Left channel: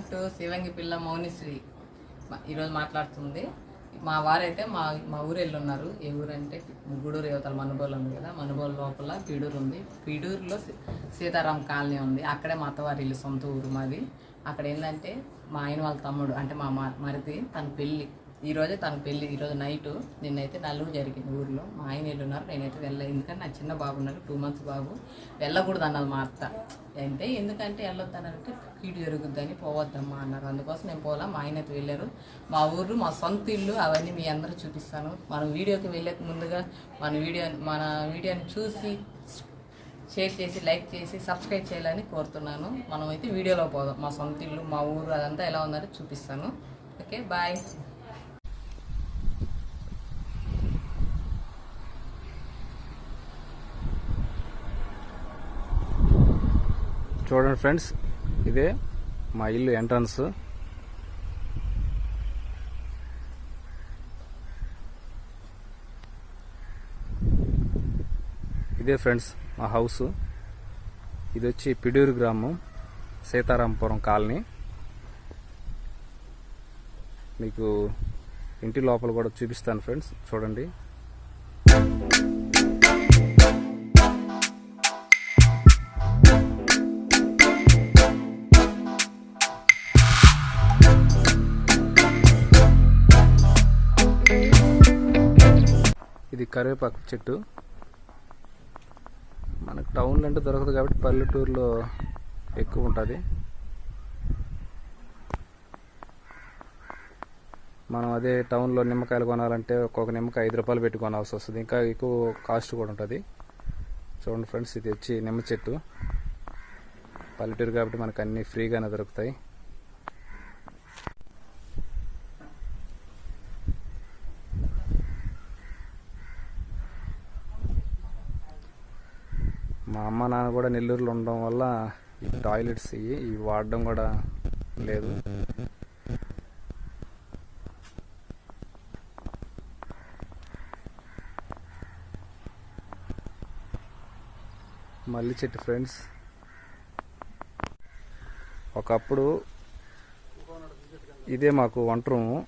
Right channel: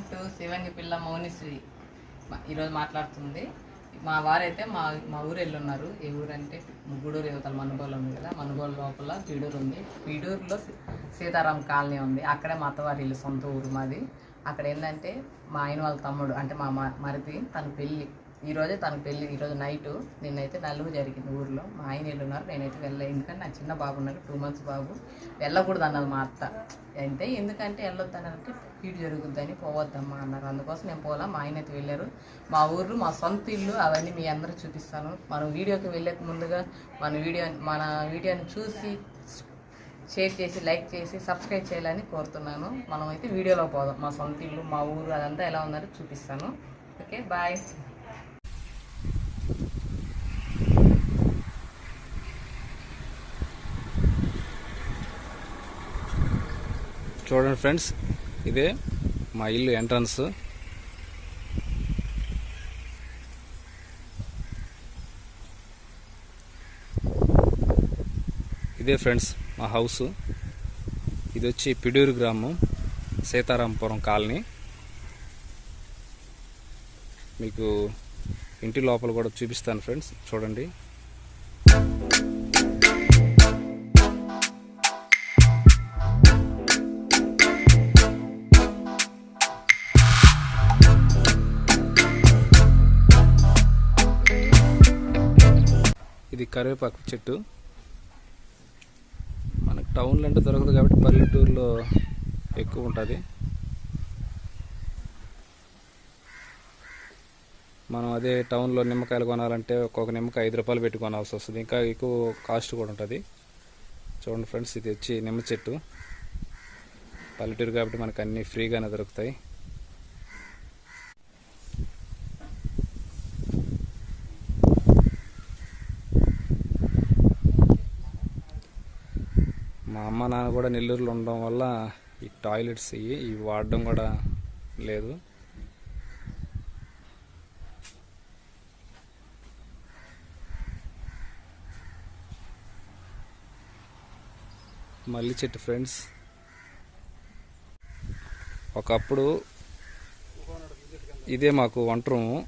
Welcome to శివంగి పిల్ల మౌనిశ్రీ. ఈరోజు మాట్లాడుతుంది మా వారైతే మా ఊరు వెళ్ళున్నారు. ఏ ఊరు అంటే గూడూరు యువతల మనుబోలు ఉంది కదా, మనుబోలు లోపల పీడూరు ఉంది. పీడూరులో సీతారాం కాలనీ ఉంది. అక్కడే మా అత్తవారి ఇల్లు, సొంత ఊరు మాది. అక్కడ ఏంటంటే మా ఆయన వాళ్ళ తమ్ముడు అంటే మా మరిది తన పెళ్ళి ఈరోజే, తన పెళ్ళి ఈరోజు నైటు. నిన్నైతే నలుగురు జరిగింది ఊరిలో. మా ఆయన వెళ్ళున్నారు, నేనైతే వెళ్ళలేదు. ఎందుకంటే నాకు చిన్న బాబు ఉన్నారు, 2 months బాబు. వెళ్ళకూడదు అన్నది మా అత్త. అంటే ఎందుకంటే వెళ్ళొద్దనంటే కీడు జరుగుద్దని, పోవద్దమ్మా అన్నారు. అందుకోసం నేను పోలా. మా ఆయన అయితే వెళ్ళారు. మా ఊరు, మా సొంత ఇల్లు, అవన్నీ మీ అందరూ చూపిస్తాను. మన వీడియోకి వెళ్ళక ముందుగా మన వీడియోని చూసి షేర్ చేసి, లైక్ చేసి, సబ్స్క్రైబ్ చేయాలని కోరుతున్నాను. మనం అయితే వీడియోలో పోదాం. మా సొంత ఇల్లు, మా ఊరు అదంతా ఎలా ఉందంటే చూపిస్తాను. Okay, bye. చూడండి ఫ్రెండ్స్, ఇదే మా ఇల్లు ఎంట్రన్స్. ఇదే ఫ్రెండ్స్ మా హౌస్. ఇది వచ్చి పిడూరు గ్రామం, సీతారాంపురం కాలనీ. మీకు ఇంటి లోపల కూడా చూపిస్తాను ఫ్రెండ్స్, చూడండి. ఇది కరివేపాకు చెట్టు. మనకు టౌన్లో అంటే దొరకదు కాబట్టి పల్లెటూరులో ఎక్కువ ఉంటుంది. మనం అదే టౌన్లో నిమ్మకాయలు కొనాలంటే ఒక్కొక్క నిమ్మకాయ 5 రూపాయలు పెట్టి కొనాల్సి వస్తుంది. ఇంకా ఎక్కువ కాస్ట్ కూడా ఉంటుంది. చూడండి ఫ్రెండ్స్, ఇది వచ్చి నిమ్మ చెట్టు. పల్లెటూరు కాబట్టి మనకు అన్నీ ఫ్రీగానే దొరుకుతాయి. మా అమ్మ నాన్న కూడా నెల్లూరులో ఉండడం వల్ల ఈ టాయిలెట్స్ ఇవి వాడడం కూడా లేదు. మల్లి చెట్టు ఫ్రెండ్స్. ఒకప్పుడు ఇదే మాకు వంట రూము.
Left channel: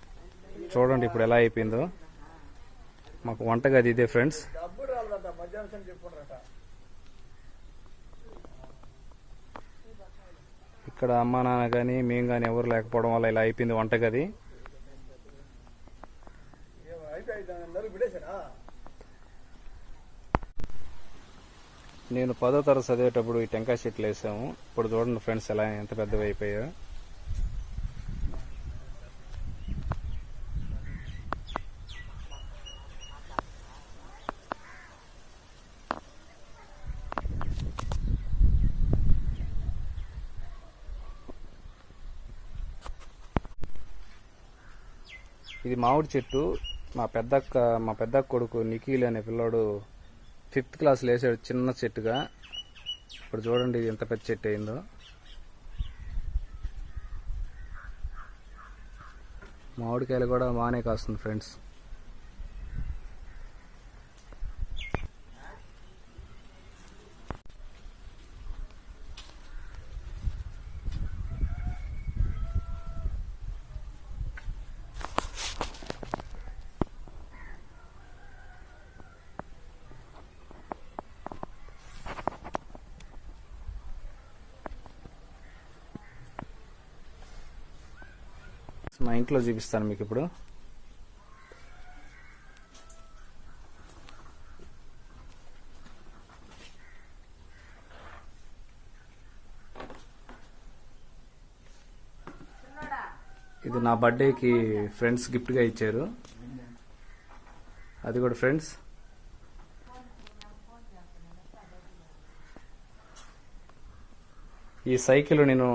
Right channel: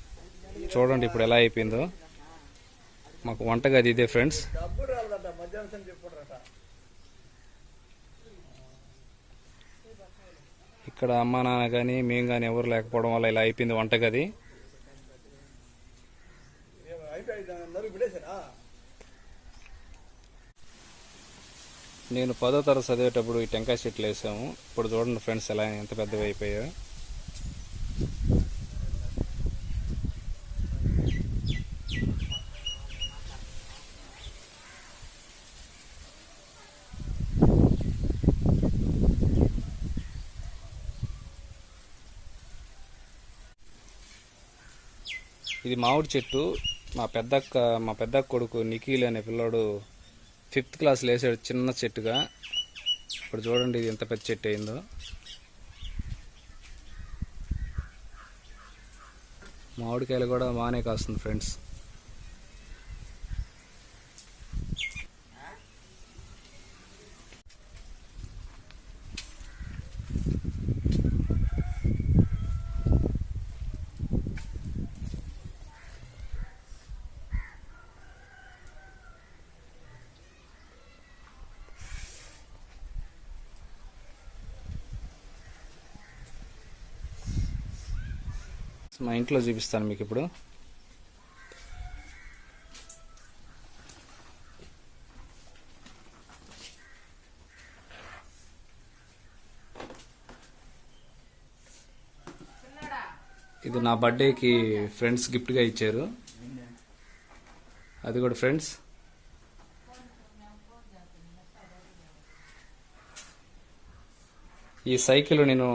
చూడండి ఇప్పుడు ఎలా అయిపోయిందో. మాకు వంటగది ఇదే ఫ్రెండ్స్. ఇక్కడ అమ్మ నాన్న కానీ మేము కానీ ఎవరు లేకపోవడం వల్ల ఇలా అయిపోయింది వంటగది. నేను 10వ తరగతి చదివేటప్పుడు ఈ టెంకాయ చెట్లు వేసాము. ఇప్పుడు చూడండి ఫ్రెండ్స్ ఎలా ఎంత పెద్దవి అయిపోయాయో. ఇది మామిడి చెట్టు. మా పెద్ద కొడుకు నిఖిల్ అనే పిల్లోడు 5th క్లాస్లో వేసాడు చిన్న చెట్టుగా. ఇప్పుడు చూడండి ఇది ఎంత పెద్ద చెట్టు అయిందో. మామిడికాయలు కూడా బాగానే కాస్తుంది ఫ్రెండ్స్. మా ఇంట్లో చూపిస్తాను మీకు ఇప్పుడు. ఇది నా బర్త్డేకి ఫ్రెండ్స్ గిఫ్ట్గా ఇచ్చారు. అది కూడా ఫ్రెండ్స్. ఈ సైకిల్ నేను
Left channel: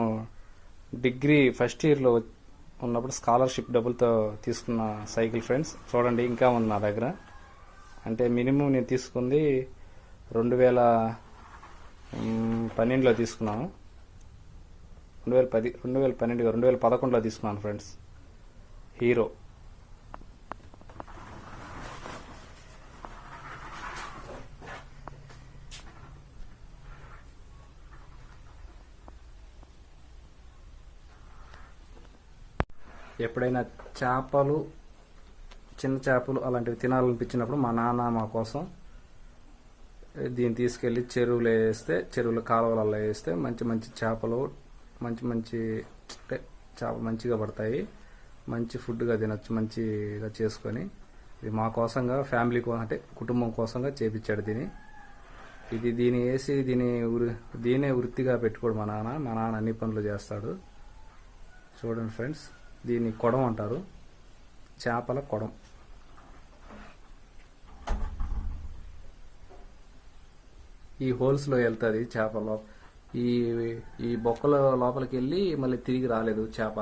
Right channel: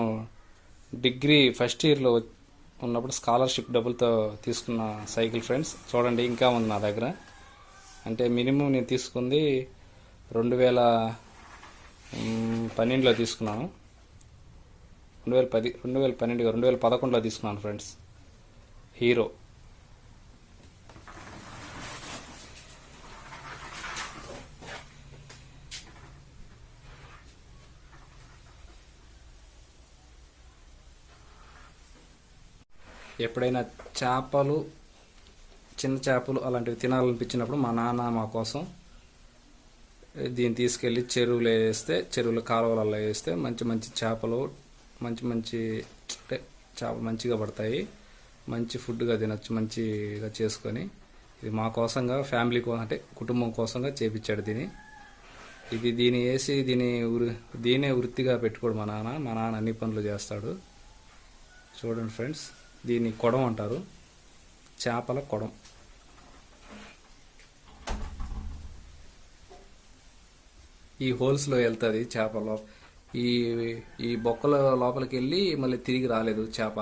డిగ్రీ ఫస్ట్ ఇయర్లో ఉన్నప్పుడు స్కాలర్షిప్ డబ్బులతో తీసుకున్న సైకిల్ ఫ్రెండ్స్. చూడండి ఇంకా ఉంది నా దగ్గర. అంటే మినిమం నేను తీసుకుంది 2012లో తీసుకున్నాను. 2011లో తీసుకున్నాను ఫ్రెండ్స్. హీరో. ఎప్పుడైనా చేపలు, చిన్న చేపలు అలాంటివి తినాలనిపించినప్పుడు మా నాన్న మా కోసం దీన్ని తీసుకెళ్ళి చెరువులో వేస్తే, చెరువుల కాలువలలో వేస్తే మంచి మంచి చేపలు, మంచి మంచి అంటే చేపలు మంచిగా పడతాయి. మంచి ఫుడ్గా తినొచ్చు మంచిగా చేసుకొని. ఇది మా కోసంగా, ఫ్యామిలీ కోసం అంటే కుటుంబం కోసంగా చేపించాడు దీన్ని వేసి దీనే వృత్తిగా పెట్టుకోడు మా నాన్న అన్ని పనులు చేస్తాడు. చూడండి ఫ్రెండ్స్, దీన్ని కొడం అంటారు, చేపల కొడం. ఈ హోల్స్లో వెళ్తుంది చేపలో, ఈ బొక్కల లోపలికి వెళ్ళి మళ్ళీ తిరిగి రాలేదు చేప.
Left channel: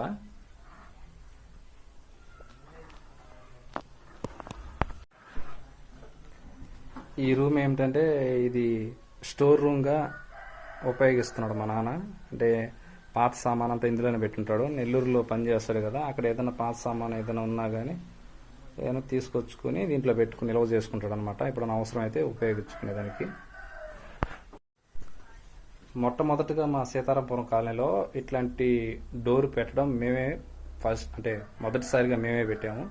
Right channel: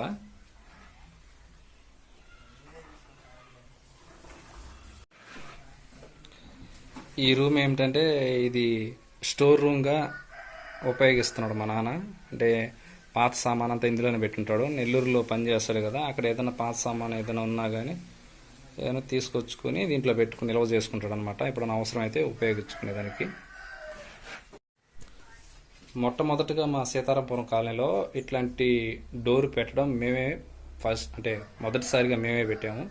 ఈ రూమ్ ఏమిటంటే ఇది స్టోర్ రూమ్గా ఉపయోగిస్తున్నాడు మా నాన్న. అంటే పాత సామాన్ అంతా ఇందులోనే పెట్టుంటాడు. నెల్లూరులో పని చేస్తాడు కదా, అక్కడ ఏదైనా పాత సామాన్ ఏదైనా ఉన్నా కానీ ఏదైనా తీసుకొచ్చుకొని దీంట్లో పెట్టుకుని నిల్వ చేసుకుంటాడు అనమాట, ఎప్పుడైనా అవసరం అయితే ఉపయోగించుకునేదానికి. మొట్టమొదటిగా మా సీతారాంపురం కాలనీలో ఇట్లాంటి డోర్ పెట్టడం మేమే మొదటిసారిగా మేమే పెట్టాము.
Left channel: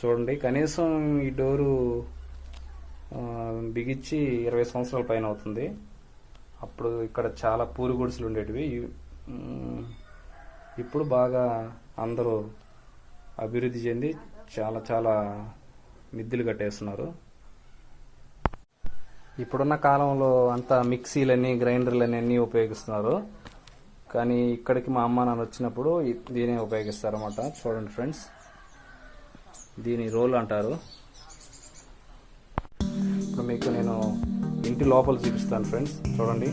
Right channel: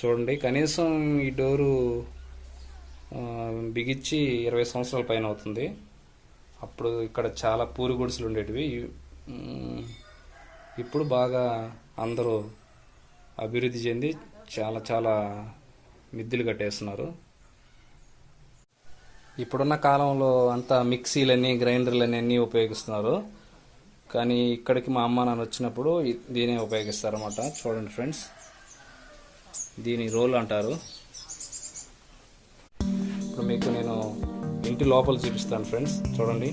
చూడండి, కనీసం ఈ డోరు బిగించి 20 సంవత్సరాల పైన అవుతుంది. అప్పుడు ఇక్కడ చాలా పూరి గుడిసెలు ఉండేటివి. ఇప్పుడు బాగా అందరూ అభివృద్ధి చెంది చాలా చాలా మిద్దెలు కట్టేస్తున్నారు. ఇప్పుడున్న కాలంలో అంతా మిక్సీలని, గ్రైండర్లని అన్నీ ఉపయోగిస్తున్నారు. కానీ ఇక్కడికి మా అమ్మ నాన్న వచ్చినప్పుడు దీనే ఉపయోగిస్తారన్నమాట. చూడండి ఫ్రెండ్స్, దీని రోల్ అంటారు. ఇప్పుడు మీకు నేను ఇంటి లోపల చూపిస్తాను ఫ్రెండ్స్, చూడండి.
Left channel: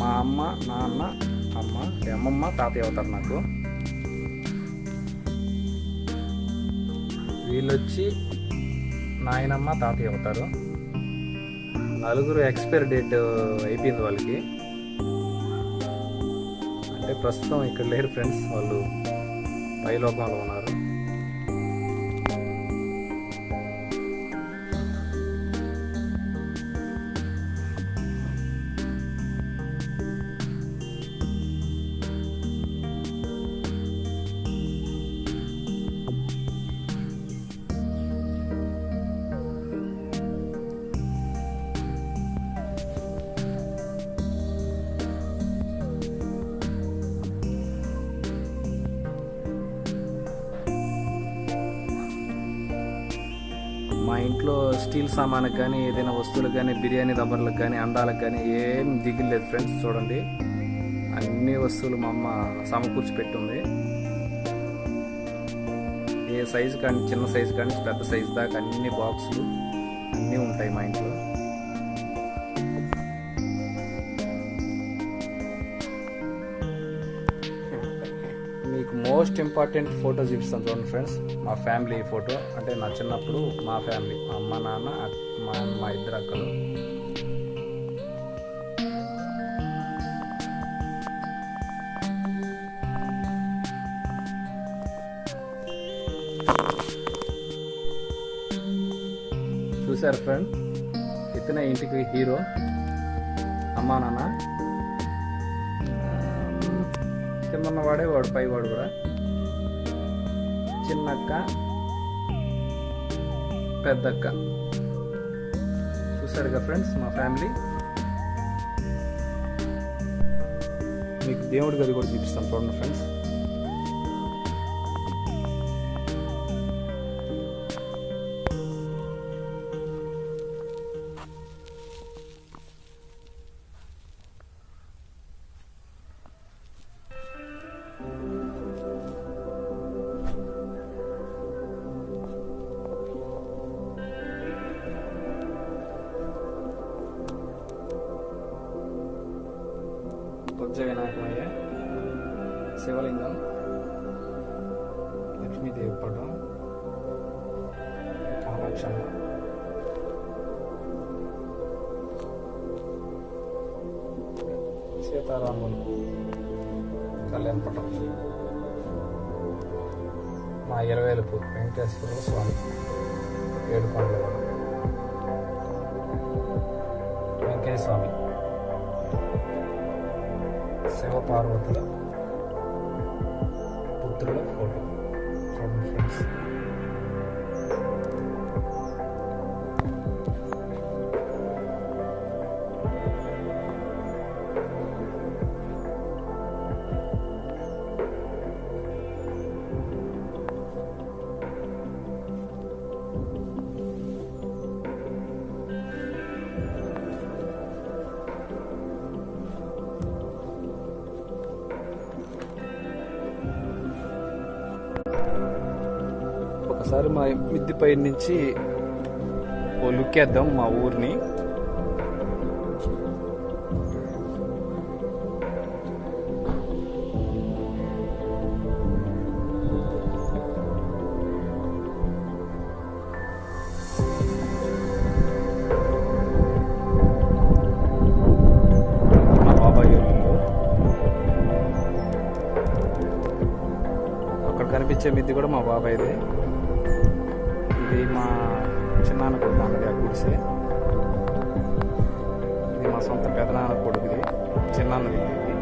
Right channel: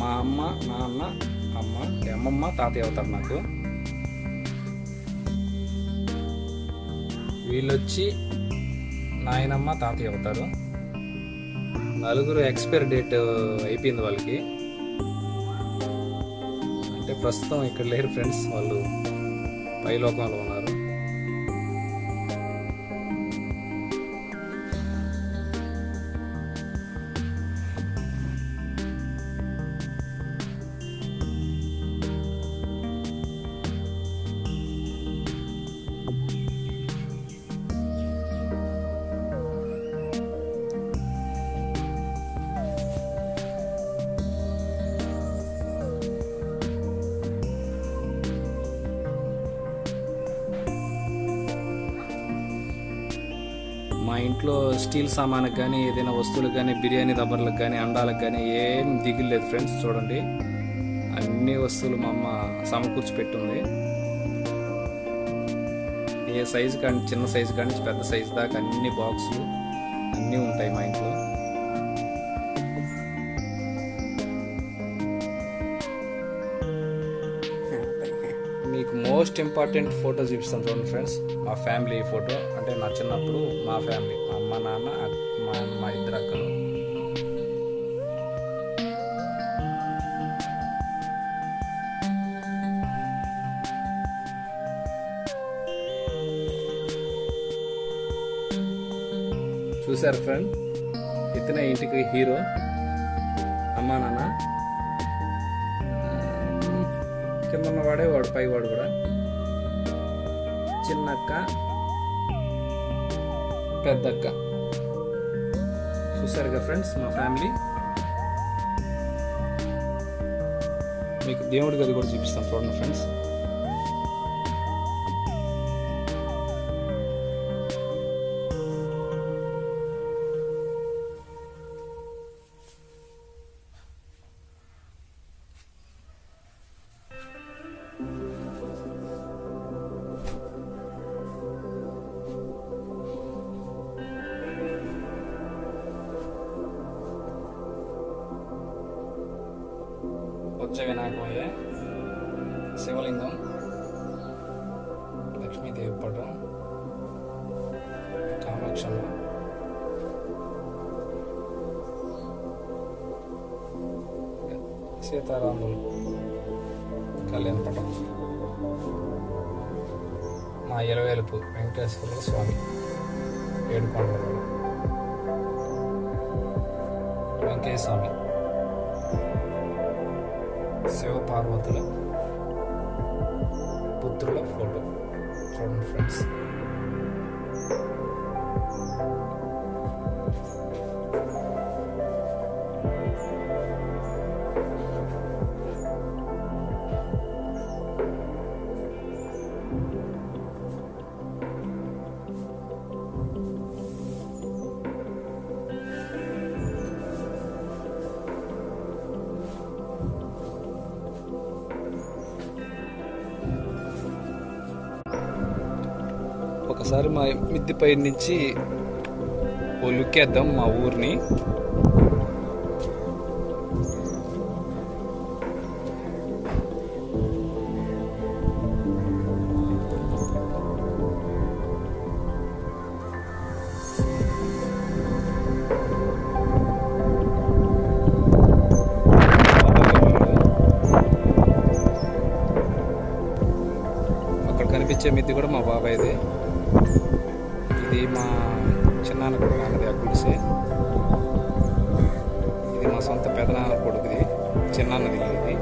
మా అమ్మ, నాన్న, అమ్మమ్మ, తాతయ్య అవుతారు నాకు. వీళ్ళొచ్చి నాయనమ్మ, తాతయ్య అవుతారు. నలుగురు ఎక్స్పైరీ డేట్ అయిపోయింది వాళ్ళకి. అంటే ప్రస్తుతం ఇక్కడ లేరు ఫ్రెండ్స్, వాళ్ళు పైలోకంలో ఉన్నారు. మా ఇంట్లో స్టీల్ సామాన్కి కానీ, ఏదైనా వస్తువులకు కానీ, బిర్యానీ రబ్బర్లకు కానీ, అండాలకు కానీ ఏం దిగులు లేదు ఫ్రెండ్స్. చూడండి, అన్ని వస్తువులు మా అమ్మ సమకూర్చి పెట్టుంది. ఏ సైజు కానీ, చిన్న సైజు కానీ పెద్ద సైజు దాకా అన్ని బాక్సులు అన్నీ ఉంటాయి మా ఇంట్లో. మీకు మోస్ట్ ఇంపార్టెంట్ ఫోటో చూపిస్తాను చూడండి ఫ్రెండ్స్, మా ఫ్యామిలీ ఫోటో. అంటే నా చిన్నప్పుడు మా ఫ్యామిలీ, మా అమ్మ, నాన్న, మా ఇద్దరు అక్కలు. చూసారు ఫ్రెండ్, ఇతనే ఇంటికి హీరో, అమ్మా నాన్న. కింద ఉన్నవాడే వాడు, పైవాడు కూడా. చిన్నక్క, పెద్దక్క. చూసారుగా ఫ్రెండ్స్ మా ఫ్యామిలీ. మీకు దేవుడి గది కూడా చూపిస్తాను చూడండి ఫ్రెండ్స్. బొజ్జ వినాయకమయ్య, శివలింగం, లక్ష్మీదేవి పటం, కామాక్షమ్మ, సీతారాములు కళ్యాణ పటం, మా ఇలవేలుపు వెంకటేశ్వర స్వామి ఏడుకొండలలో. వెంకయ్య స్వామి, శివపార్వతుల పుత్రుల ఫోటో. చూడండి ఫ్రెండ్స్. ఒకసారి మా మిద్దిపై నుంచి ఓ లుక్ వేద్దాం మా ఊరిని. అక్కడ కనిపించే మిద్ది కూడా మా బాబాయ్దే. ఇది మా చిన్నాన్న కొడుకు అన్నది ఆ గుడిసే. ఇది మా సొంత పెదనాన్న కొడుకుది, చిన్నాన్నది ఇల్లు ఇది.